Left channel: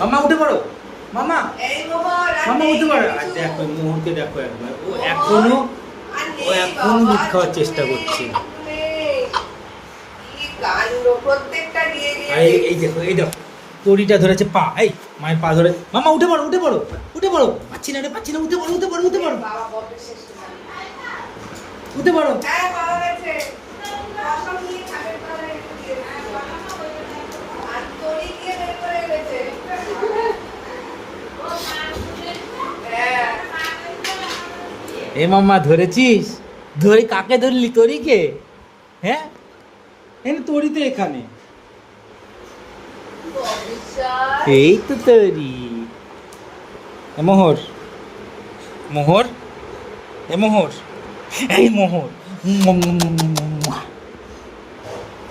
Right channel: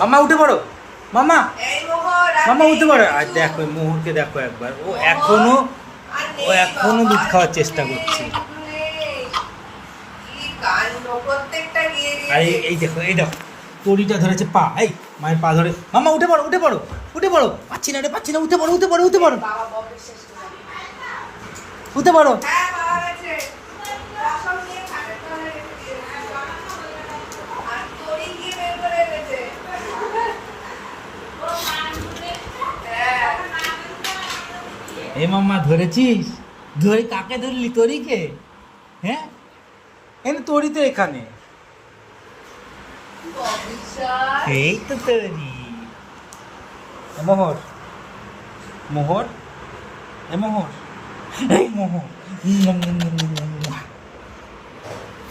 মামা উঠে পড়ো, মামা এই মোহর আর মামা নেই উঠে পড়ো। আর কিছু। দেখো মোহরকে দেখো একবার, ও মোহর এখনো আর নেই ও এখনো বাবা, দুধ খাওয়ার কিছু চেষ্টা নেই, করছে। কিছু নেই। কি কাণ্ড, প্রত্যেকটা গিয়ে গিয়ে আর এই দেখো, এই দেখো তরিটা ধরেছে পা, এই মায়ের পা ধরে। মামা উঠে পড়ো, উঠে পড়ো, উঠে পড়ো। পাচ্ছি না রে, পাচ্ছি না, উঠে পড়ো, উঠে পড়ো, উঠে পড়ো, বাবা বকে শেষ করে। উঠে পড়ো। হ্যাঁ বাবা গেছে। বাসাও নিয়ে থাকের তলায় রেখে দিয়ে গেছে। আর তরি গিয়ে বের করে গেছে। হ্যাঁ। এ মামা ধরেছিস? ধরে কাকে ধরলি, তরিকে? হ্যাঁ এনে তরি তো এখানে, অবিশ্বাস। এই তো তরি। এ মোহর, মোহর, এ মোহর, এই মোহর।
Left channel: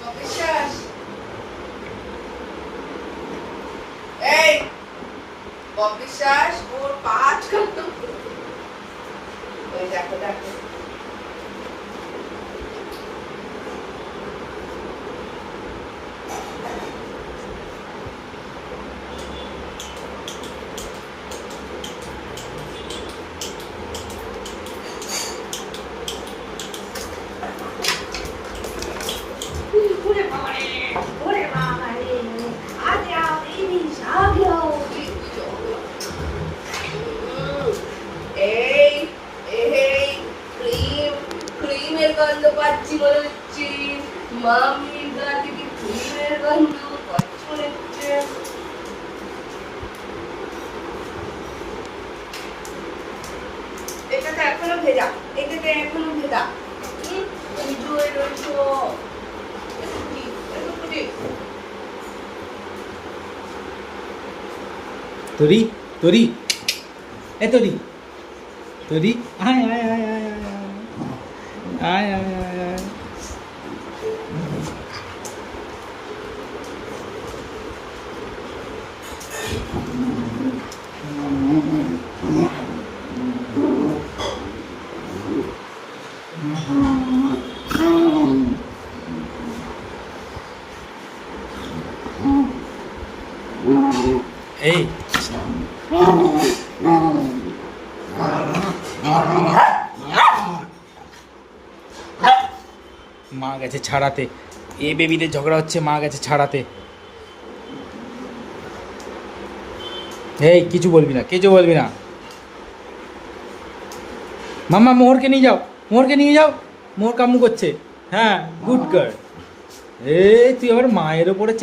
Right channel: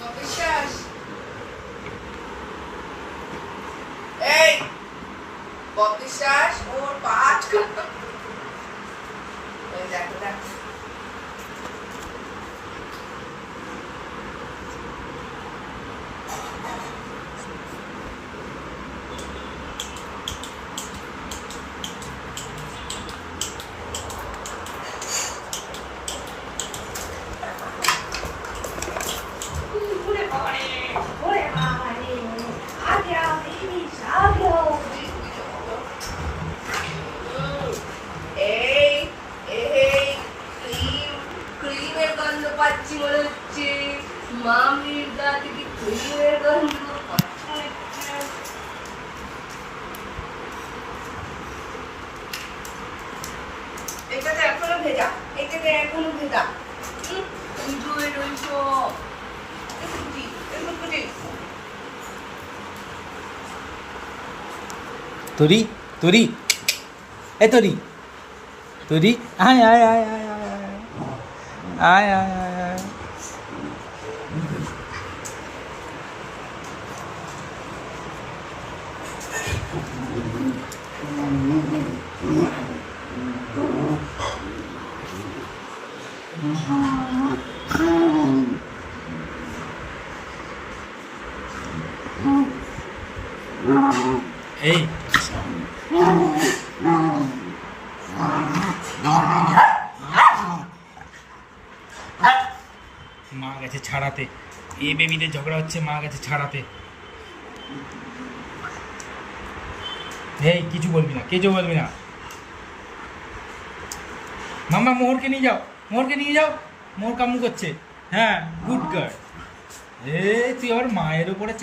অবিশ্বাস। এই অবিশ্বাস ওর পাঁচ ওই দেখো দেখো এই এই ক্রিম ক্রিমের গন্ধ পাচ্ছি মনে হচ্ছে মামির গা থেকে ক্রিমের গন্ধ পাচ্ছি মনে হচ্ছে এটাতে এখনো ভেজা এটাতে এখনো ভেজা এনজয় রয়েছ তরি, তরি, এ তরি, তরি, আয় আয় আয় আয় আয় আয় আয় আয় আয়। এই মা গেছে ছাড়াতে, এ বেবিদের ঝগড়া হচ্ছে, মা গেছে ছাড়াতে। এই কিছু বলবি না, কিছু বলবি না। মামা মোহরকে নিয়ে যাও, মোহরকে নিয়ে যাও, মোহর কামু করছে। হ্যাঁ গুড গার্ল। এই তুই আমার মায়ের ওপরে